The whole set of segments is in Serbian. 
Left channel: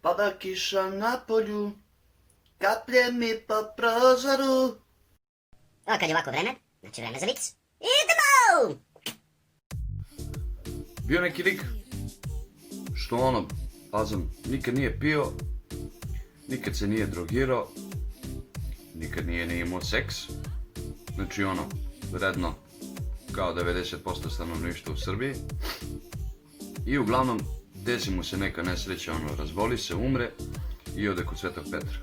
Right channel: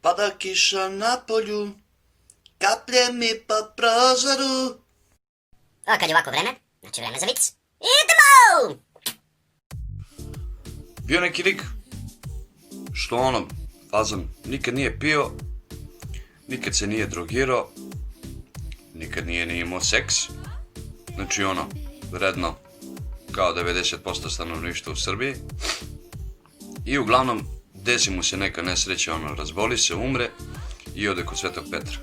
Pada kiša na polju, kaplje mi po prozoru. A kad je ovako vreme, znači vreme za vic. Idemo! Bio neki lik, što ono, fazon, nikad nije pio, nikad se nije drogirao, nikad nije ni imao seks. Znači ono, vredno, kao 90% stanovništva u Srbiji. I uglavnom, desi mu se neka nesreća, ono, razboli se, umre i ode kod Svetog Petra.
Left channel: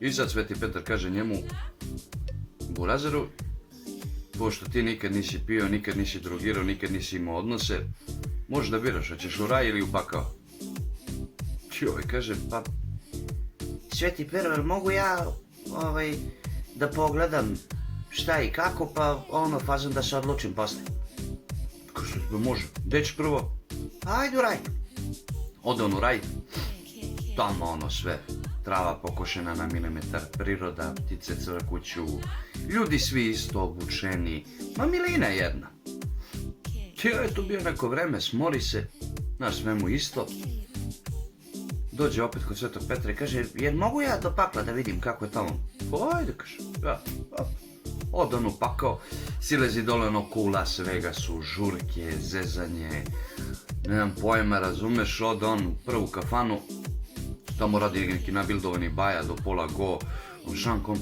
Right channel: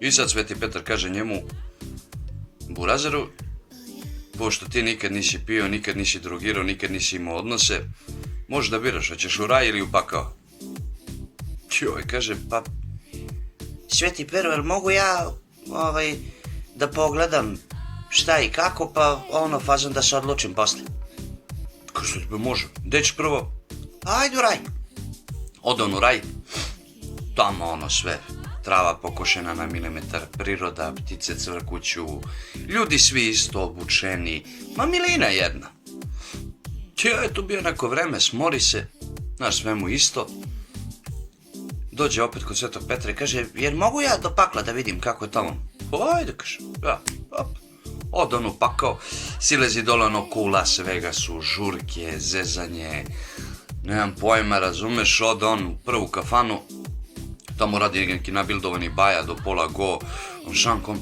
I sad Sveti Petar kaže njemu, Burazeru, pošto ti nikad nisi pio, nikad nisi drogirao, nikad nisi imao odnose, možeš da biraš, hoćeš u raj ili u pakao. Joj, kaže, pa, Sveti Pero, jel mogu ja, da pogledam šta i kako, pa ono, fazom da se odlučim posle. Kaže, može, gde ćeš prvo? Ajde u raj. Ode on u raj, tamo ono sve, trava pokošena na milimetar, priroda, ptice cvrkuću, ljudi svi isto obučeni, ma milina jedna. Tio je tu bio neko vreme, smori se, znaš, sve mu isto. Dođe opet kod Svetog Petra i kaže, jer mogu ja do pakla da vidim kako je tamo? Ajde, kaže, ja, op. Ode on u pakao, silezi dole ono kula, svega su, žurke, zezanje, nemam pojma, razumeš, ode on u prvu kafanu, tamo radi neki nabildovani baja do pola go, on šankom,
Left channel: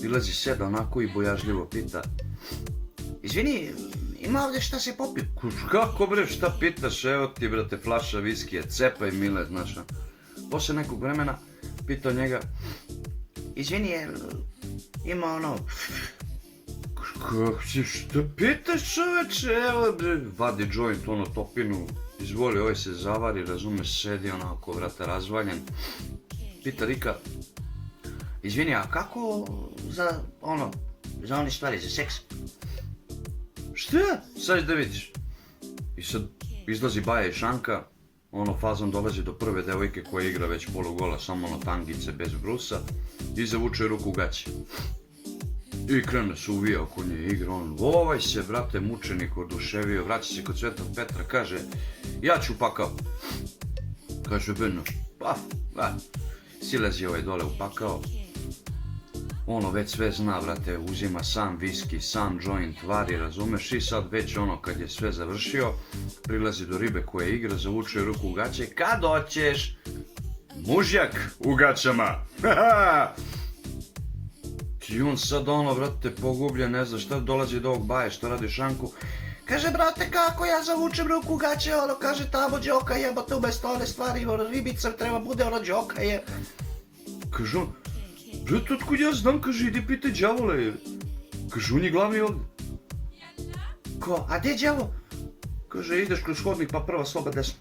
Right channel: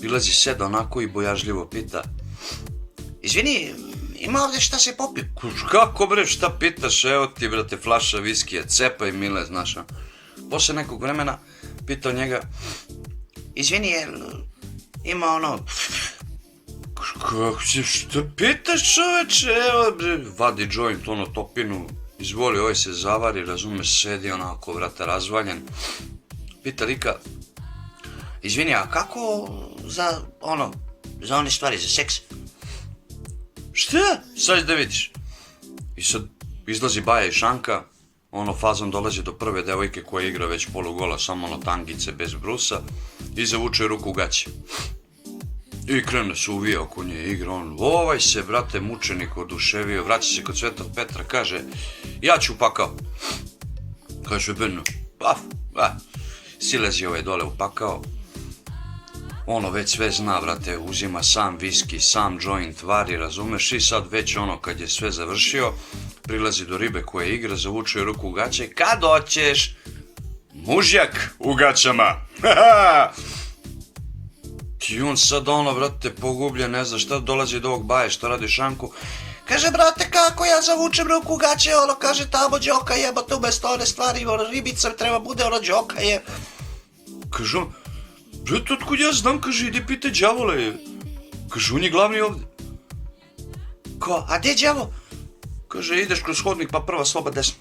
bilazi seda onako i bojažljivo pita, izvini, ima ovdje šta se popio? Kako bre, šta pitaš, evo ti brate flaša viskija, cepaj mile, znaš. Posle nekog vremena pitao njega, izvini, jel ima ono, kako si, šta pitaš čoveče, evo bre, vadi joint, ono topinu, izvoli, ovaj se zavari, razumeš, sedi onako, vrata, razvaljen. Pita lika, izvini, a kako za, ono, za one stvari, za seks? Šta? Sad da vidiš. I sad izlazi baja i šanka, ono fazom dolazi do prve devojke koja igra već polugola, samo ono tangice bez brusa, i zavuče ruku u gaće. I krene se uvija oko nje, igra on, ovaj se, brate, mučenik oduševio, vraća se kod Svetog Petra, kaže, ja ću pakao. Kaže, Brno, silezi ovaj dole u pakao, ono već sve zna, brate, uzima sam viski, sam joint, vari, razumeš, i sad već ono, kad je sve završio, prilazi do ribe koja igra, zavuče ruku u gaće, kad hoćeš, mužjak u gaćama, I on sad ono, brate, pogubljen, ne zna šta, dolazi do ovog baje, šta radi šanku. Kaže, brate, kako ja zavučem ruku u gaće, ono, kaže, tamo džoka jebote, umesto one stvari, ono, ribica treba bude, ono, džoka je. Kaže on, brate, otkud ja znam, kaže, idi pitaj đavola je. Kaže, on je glavni ovde. Ko, a gdje je đavo? Kaže, ideš kroz hodnik, pa prva soba desno.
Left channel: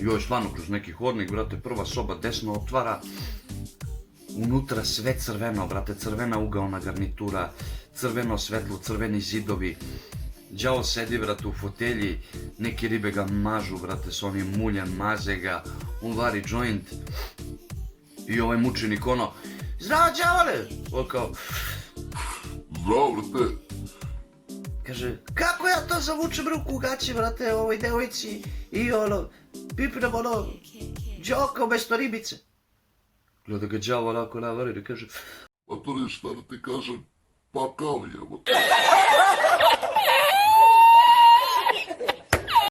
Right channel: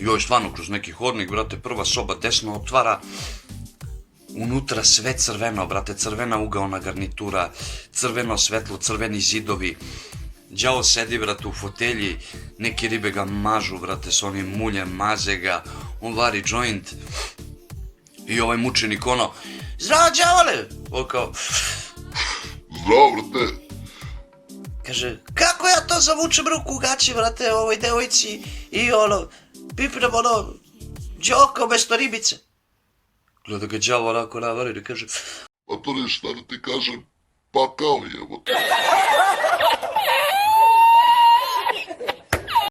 Joj, stvarno, kroz neki hodnik, brate, prva soba desno otvara. Unutra sve crveno, brate, crvena ugaona garnitura, crveno svetlo, crveni zidovi. Đavo sedi, brate, u fotelji, neki ribe ga mažu, brate, s onim muljem, maze ga, on vari joint. I ovaj mučenik, ono, zdravo, đavole! On kao, Zdravo, brate. kaže, kako ja to zavučem ruku u gaće, brate, ovoj devojci i ono, pipnem ono, džoka umesto ribice. Gleda ga đavo onako navari i kaže, Pa to ne šta da ti kažem, pakao jebote.